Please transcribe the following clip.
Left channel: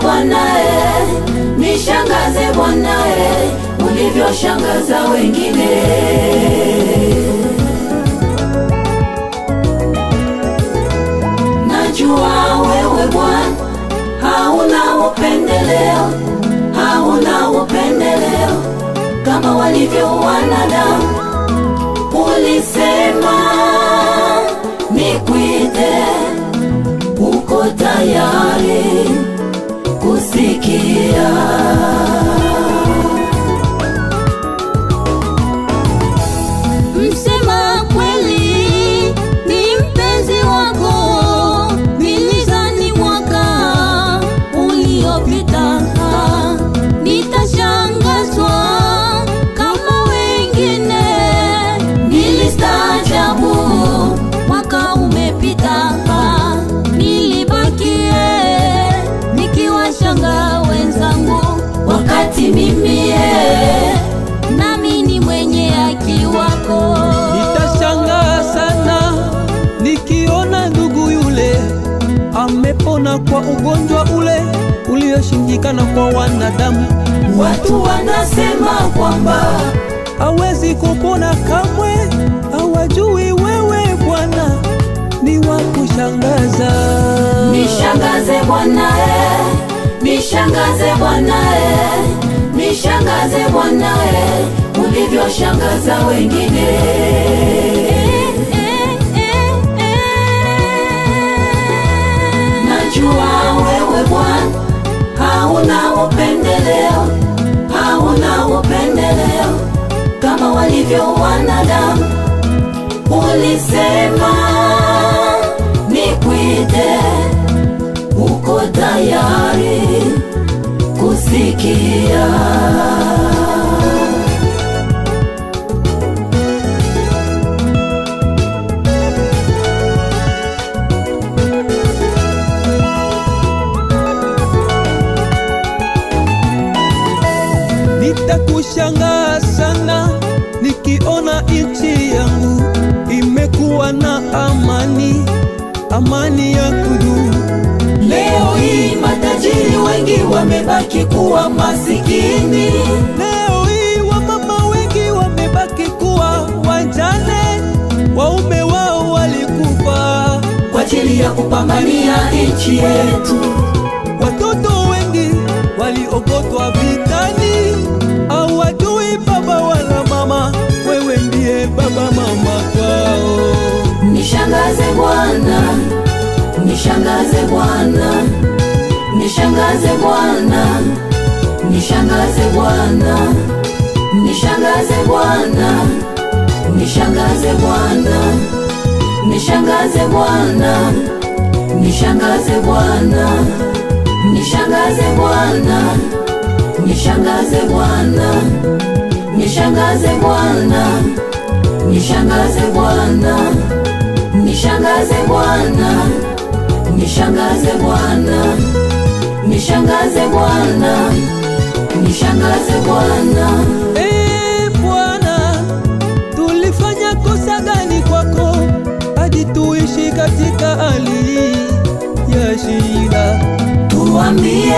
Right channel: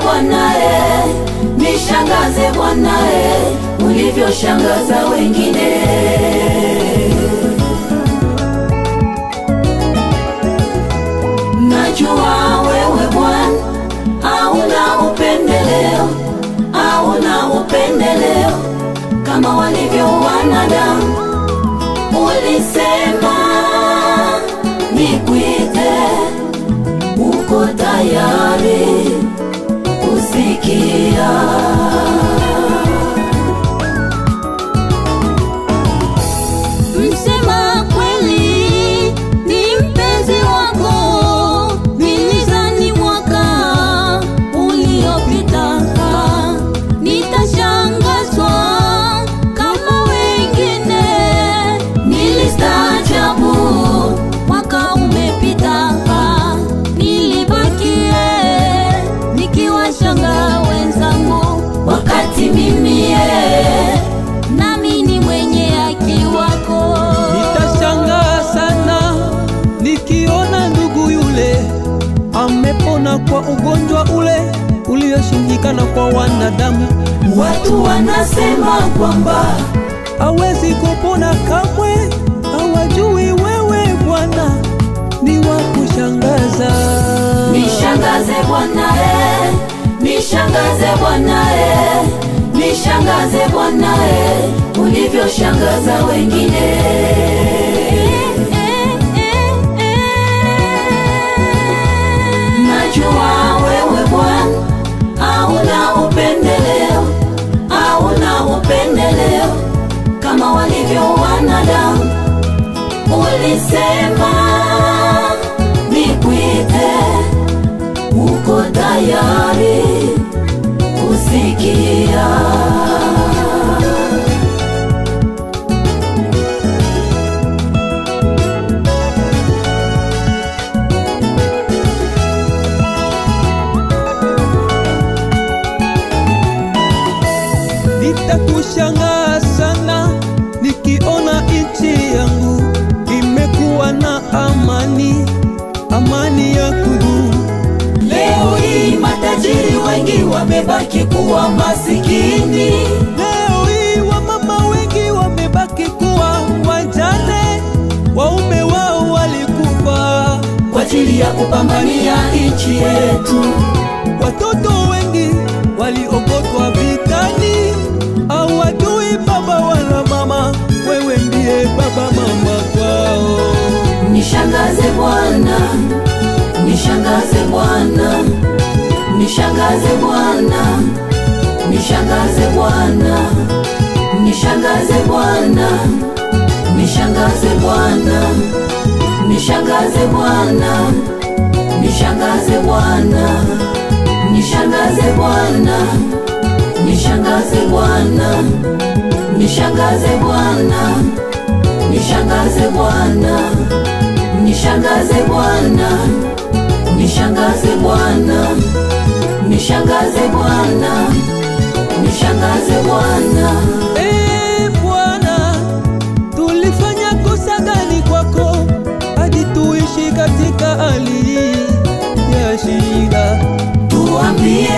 Bwana nishangaze Bwana ulivyoshangaza wengine. Najua wewe Bwana hauna upendeleo, hauna upendeleo kama walivyo wanadamu. Ulisema nikuite, uko tayari kusikia. Msema kweli ni mpenzi wako, nilizani mwaka uliopita nitashangazwa kama wengine, nilistaajabu mwaka umepita, nilibakie nikiwashanga wenzangu, wakati mimi nami ni mwenye haki wako. Nitashangaa sana nikiona ndugu yule amepona kwa ugonjwa ule ulioshindikana kwa wanadamu. Watu wanasema kwamba hawezi kupona kamwe, hawajui wewe Bwana ni wa kushangaza. nishangaze Bwana nishangaze Bwana nishangaze Bwana ulivyoshangaza wengine. Najua wewe Bwana hauna upendeleo, hauna upendeleo kama walivyo wanadamu. Ulisema nikuite, uko tayari kusikia. Nitakushangaa sana nikiona nchi yangu imekuwa na amani, amani ya kudumu. Leo hii matajiri wengi wamebaki kuwa masikini. Leo hii wamama wengi wamebaki kuwa wajane, waume wao walikufa kwa ajili ya kupambania nchi yetu. Watoto wengi waliogotwa vitani, hawajui baba wala mama, wewe ndiye baba mama kwao. Nishangaze Bwana, nishangaze Bwana, nishangaze Bwana, nishangaze Bwana, nishangaze Bwana, nishangaze Bwana, nishangaze Bwana, nishangaze Bwana, nishangaze Bwana, nishangaze Bwana, nishangaze Bwana, nishangaze Bwana, nishangaze Bwana, nishangaze Bwana, nishangaze Bwana, nishangaze Bwana. Bwana, tulifanya kosa gani kwako hadi tuishi katika hali ya shida? Tuambie